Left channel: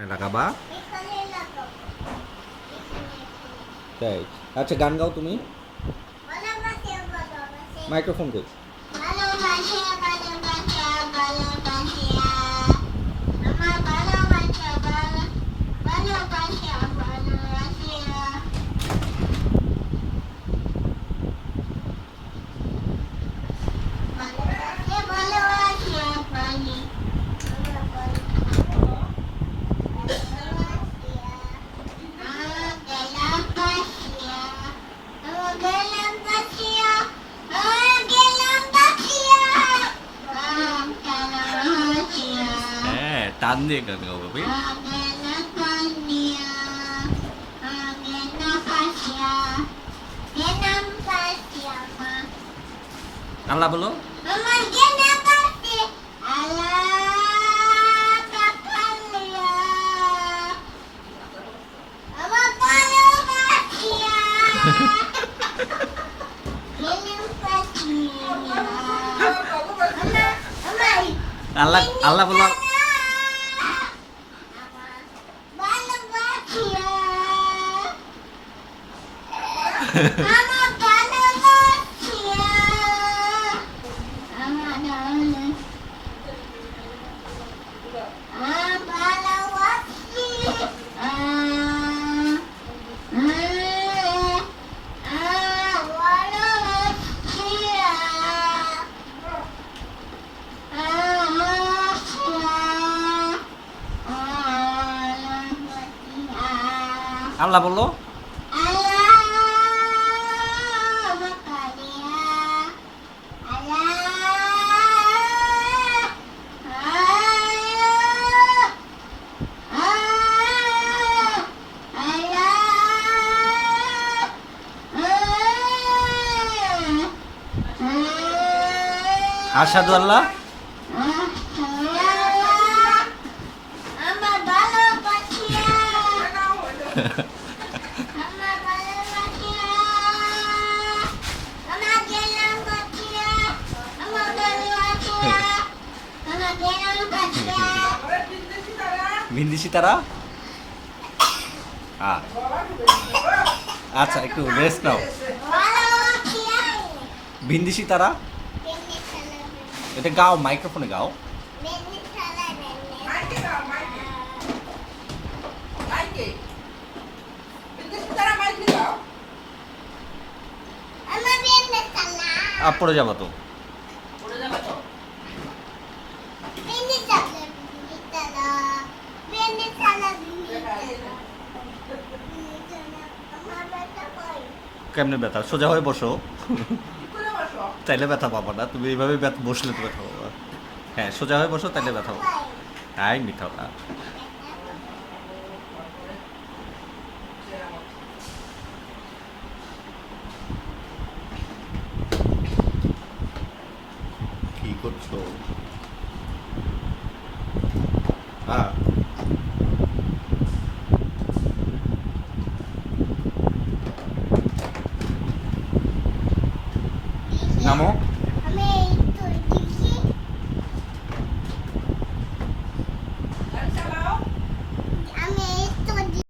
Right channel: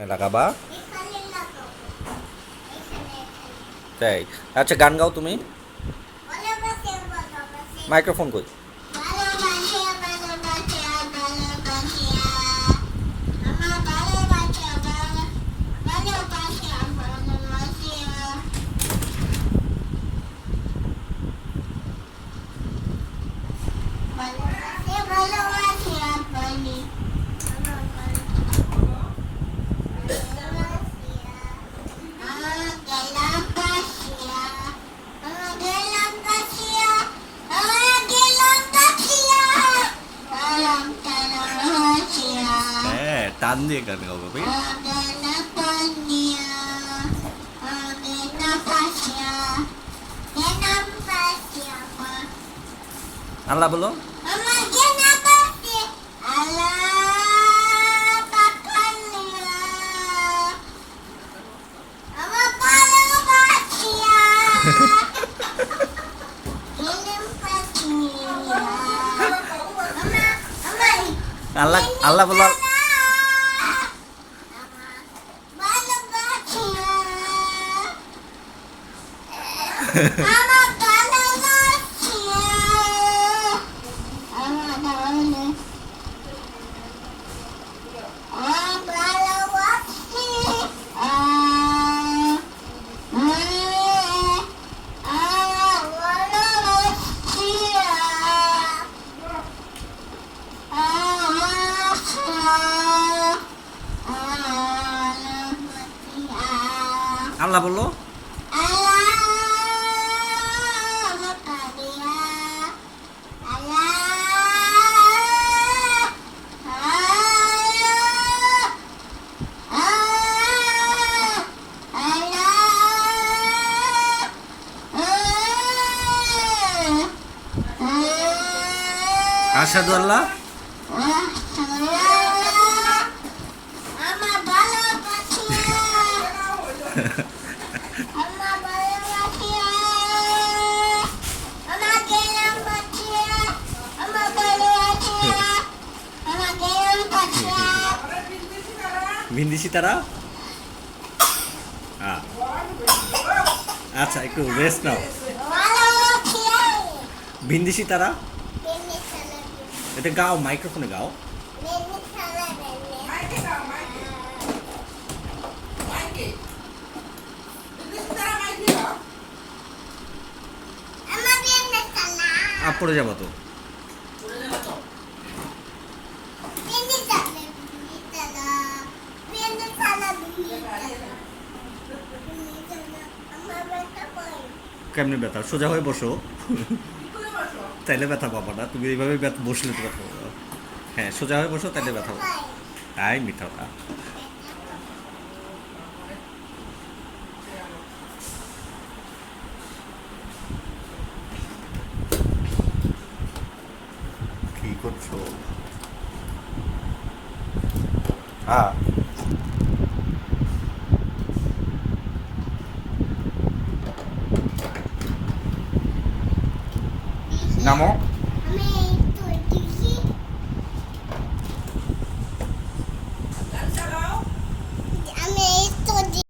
এখানে লাগাবা? এখানে লাগাবো। এখানে তাই? আচ্ছা গান গাও তুমি। ভালোবাসে ভালোবাসে মাইক্রোফোন কই? ভালোবাসে ভালোবাসে ভালোবাসে আমার ভালোবাসে ভালোবাসে ভালোবাসে ভালোবাসে ভালোবাসে আপনি আমার হ্যাঁ, টান দিয়ে গান গাও ভাবি। আল্লাহ বলো। আল্লাহ আল্লাহ বলো। আল্লাহ বলো। আশহাদু আল্লাহ ভিন্দিসি তারা। আচ্ছা একটু রেস্ট নাও। ভিন্দিসি তারা এটা গাও, মাইক্রোফোনে গাও। পড়ে যাবো তো। কেমনে ব্যথা? সোজা হয়ে বসো। তাইলে ব্যথা পাবো না। তুমি এইভাবে বসলে তো ব্যথা পাবো। হ্যাঁ সোজা হয়ে বসো, তাইলে ব্যথা পাবো। তাই মিথ্যা কথা। কি করছো? নামো।